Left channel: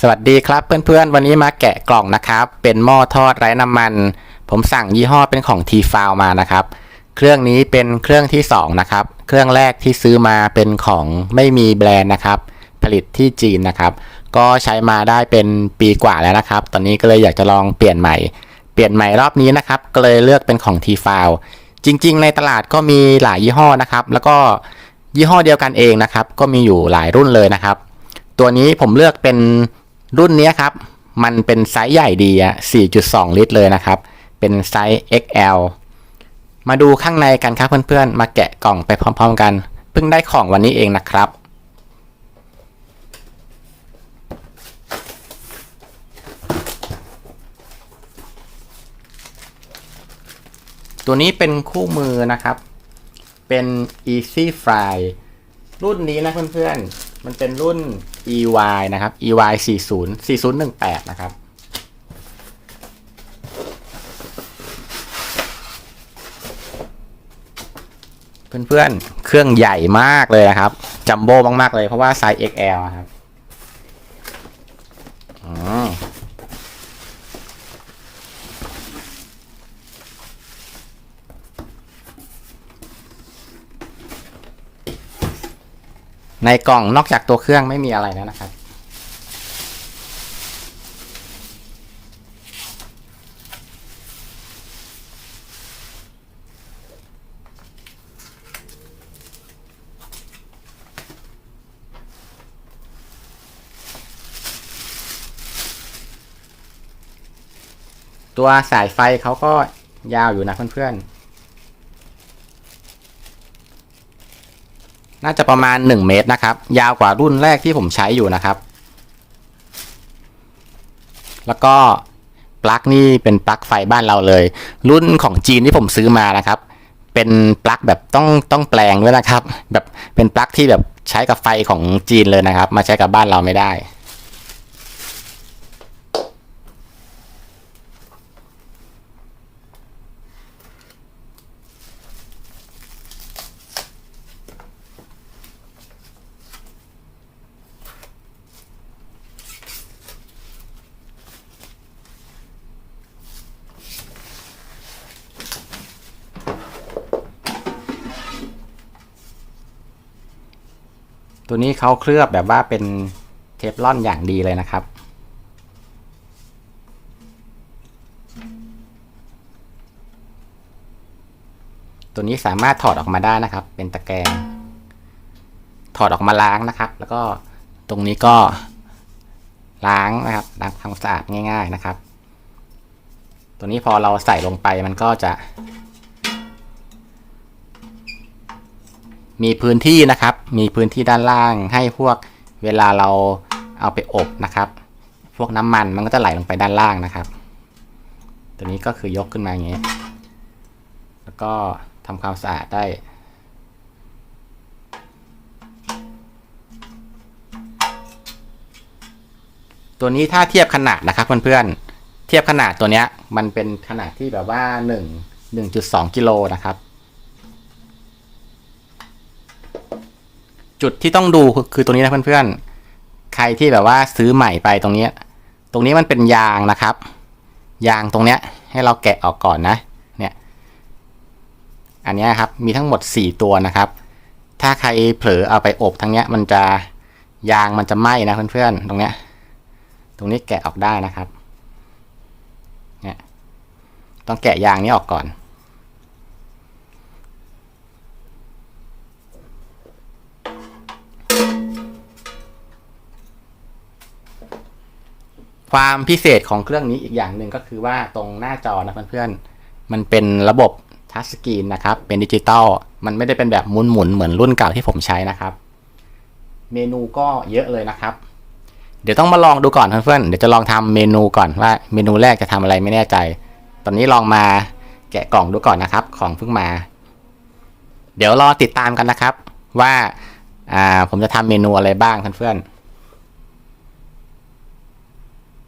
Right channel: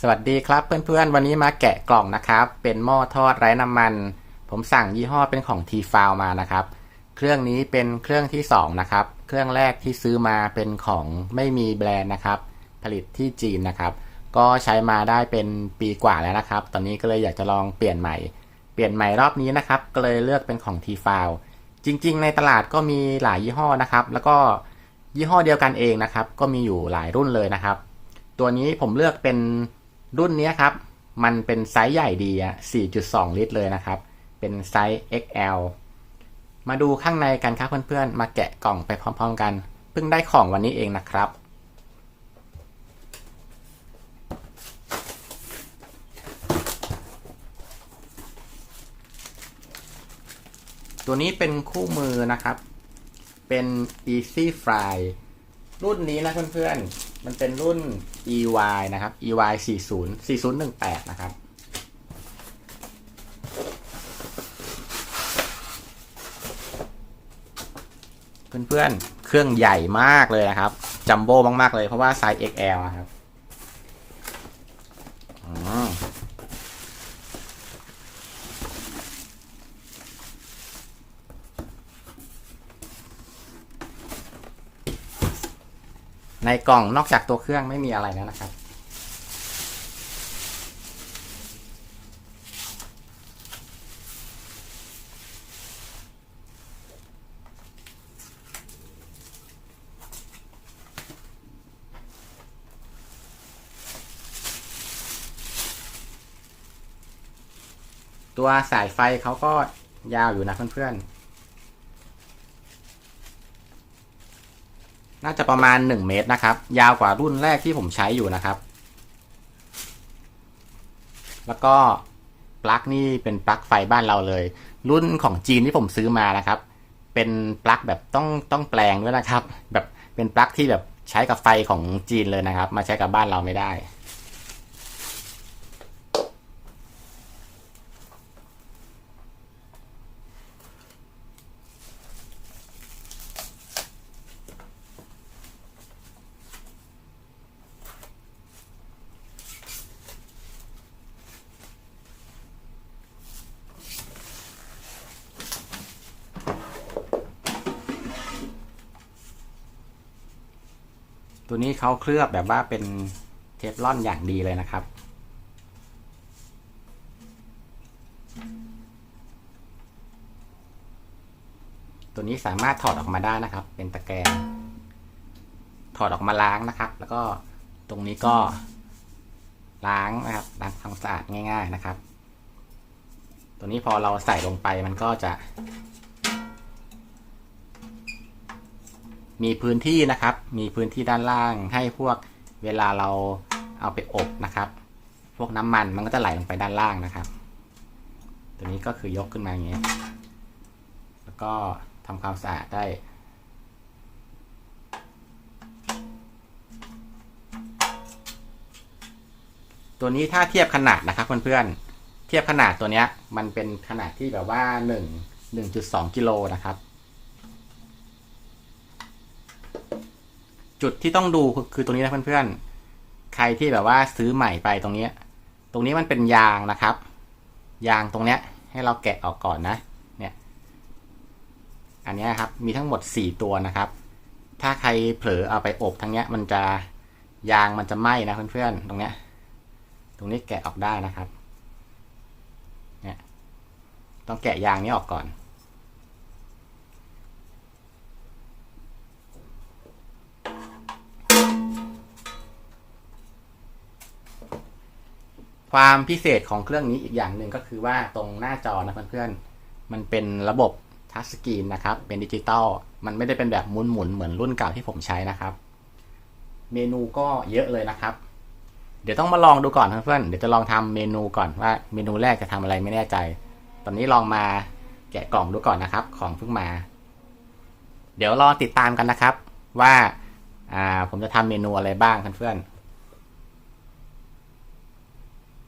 สวัสดีครับเพื่อนๆ วันนี้มาแกะกล่องนะครับ เป็นหม้อทอดไร้น้ำมัน ผมสั่งยี่ห้อเป็นของ t f i l มานะครับ เครื่องนี้เป็นเครื่องที่สองนะครับ เครื่องแรกที่ซื้อมาเป็นของไม่มีแบรนด์นะครับ ผลิตที่จีนนะครับ ก็ใช้มาได้เป็นปีกว่าแล้วนะครับ ตอนนี้ก็เลยอยากจะลองเปลี่ยนใหม่ เปลี่ยนใหม่รอบนี้นะครับ ก็เลยเลือกเป็นของ t f i l จริง ๆ ในตลาดก็มีหลายยี่ห้อนะครับ แล้วก็ยี่ห้อเดียวกันเองนะครับ ก็มีอยู่หลายรุ่นเลยนะครับ ตัวนี้ผมเลือกเป็น รุ่นนี้ครับ มันเป็นไซส์ใหญ่ดีอะ4.2 ลิตรเลยนะครับ เป็นไซส์ XL มาดูข้างในกันครับเพื่อนๆ มาแกะกล่องไปพร้อมๆกัน เพิ่งได้ของวันนี้เองนะครับ ตัวนี้เป็นคู่มือนะครับ เป็น Easy Fly รุ่นนี้นะเพื่อนๆ มันเป็นรุ่น EY นะครับ EY 40 4018 นะครับ เพื่อนๆ เครื่องใหญ่มากเลยนะครับ จัมโบ้มากๆเลยเพราะว่าไซส์ XL อะครับ ในกล่องนอกจากตัวเครื่องไม่มีอะไรแล้วนะครับ ตัวสายไฟเขาก็ยาวอยู่นะเพื่อนๆ น่าจะประมาณ 1 เมตรนะครับ ยาวกว่ารุ่นแรกที่ผมใช้อยู่นะครับ แล้วก็ปลั๊กนี่เป็นปลั๊กไฟบ้านเราเลย รุ่นของจีนที่ผมซื้อมานะครับ เป็นปลั๊กแบบต้องต้องแปลงด้วยนะครับ แบบเป็นปลั๊กที่แบบใช้กับไฟของจีนเลยนะครับ มาใช้กับบ้านเราไม่ได้ ตัวนี้เขาเคลือบแบบว่าเป็นเทฟลอนอย่างดีเลยนะครับ ตัวนี้สามารถถอดออกมาได้นะครับ เป็นตะแกรงถอดออกมาล้างนะครับ แล้วก็ตรงนี้ก็ล้างนะครับล้างทำความสะอาดง่าย ๆนะครับ ตัวนี้พอเราใส่ลงไปมันก็จะ มีพื้นที่นะครับ มีพื้นที่ด้านล่างให้พวกเวลาเราเอาไปอบนะครับ พวกน้ำมันมันก็จะไหลลงไปด้านล่างนะครับ ตัวนี้ก็คือยกขึ้นมาอย่างนี้ แล้วก็ทำความสะอาดได้ตัวนี้ถ้าเทียบขนาดนะครับเพื่อนๆเทียบขนาดตัวเนี้ยมันเป็นขนาดที่แบบว่า1 1.2กิโลนะครับ จุดที่ต้องดูคือตรงนี้นะเพื่อนๆ ใครที่แบบว่าซื้อใหม่ไปตรงนี้ ตรงนี้มันเป็นยางนะครับ ยางตรงเนี้ยให้เราแกะออกก่อนนะ เนี่ย อันนี้ครับมีทั้งหมด 4 ตัวนะครับ ถ้าใครเผลอเอาไปอบทั้งเนี้ยมันจะยางมันจะไหม้นะเพื่อนๆ ตรงเนี้ย ตรงนี้แกะออกได้นะครับ เนี่ย ต้องแกะยางนี้ออกก่อน ความพิเศษของเครื่องนี้อีกอย่างหนึ่งก็คือว่าตรงหน้าจอนะเพื่อนๆ มันเป็นระบบทัชสกรีนนะครับ เป็นดิจิตอล มันไม่ได้เป็นแบบหมุนๆ เหมือนรุ่นเก่าที่ผมใช้นะครับ เมนูก็เยอะเลยนะครับ เดี๋ยวต้องมาลองดูก่อนเพื่อนๆ เดี๋ยวจะลองทำเมนูก่อนว่าเมนูแรกจะทำอะไรไม่แน่ใจ ตอนนี้ลองมาแกะกล่องดูก่อนนะครับ ของเพิ่งมา เดี๋ยวรอติดตามกันนะครับ ว่าอ่าผมจะทำเมนูอะไรบ้างเพื่อนๆ